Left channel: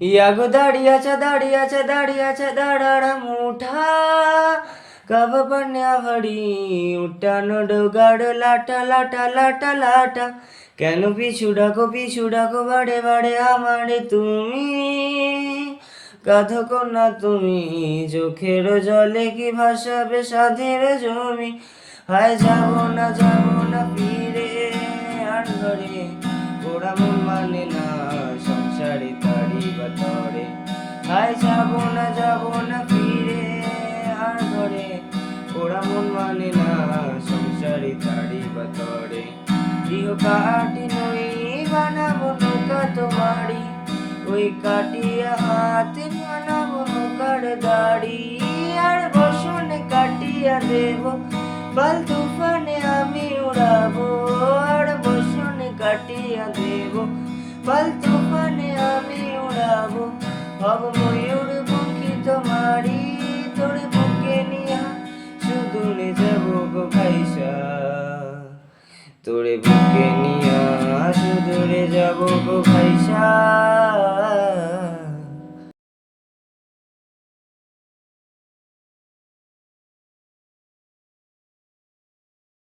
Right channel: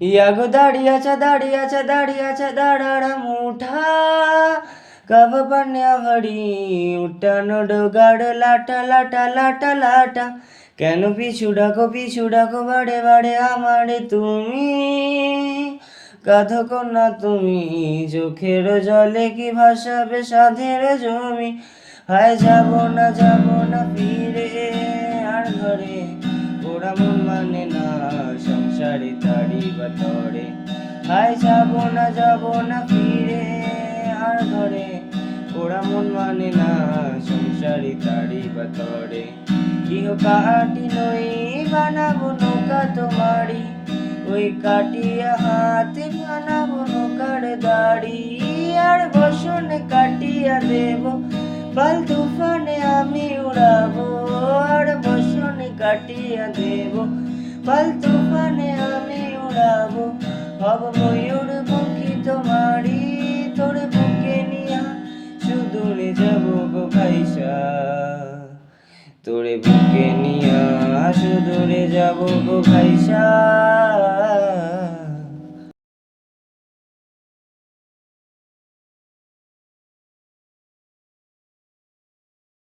ইয়াগো দাঁড়িয়েছে দাঁড়িয়েছে দাঁড়িয়েছে দাঁড়াড়া মুঠা কব পান্যা ভাড়ি উঠানো ডোগাড় লাটা লাটা লাটা লাটা কেন পিছু ডাকো বাড়ে বাড়ে আমারে তুমি গাধ কন্যা তুমি চোখের জলে কি ভাসাবে সাধের জমি হায় যাব না ফিরে আর ঘরে ওরা মন মানে না সংসারে তারি বাতরে হায় যাব না ফিরে আর ঘরে ওরা মন মানে না সংসারে তারি বাতরে ইহ কাটি নই বানাবো নৌকা তোমারি ওই কাটিয়া হাতে বানাবো নৌকার দাড়ি আর বসনে কাটিয়া দেব বল তুফানে আমি উড়াবো আর বসনে কাটিয়া দেব বল তুফানে আমি উড়াবো হব ময়ূর পঙ্খী তোমারি তোরে বুকে নিয়া সুদূরে যাব গো ভাইসা তোরে বুকে নিয়া সুদূরে যাব গো ভাইসা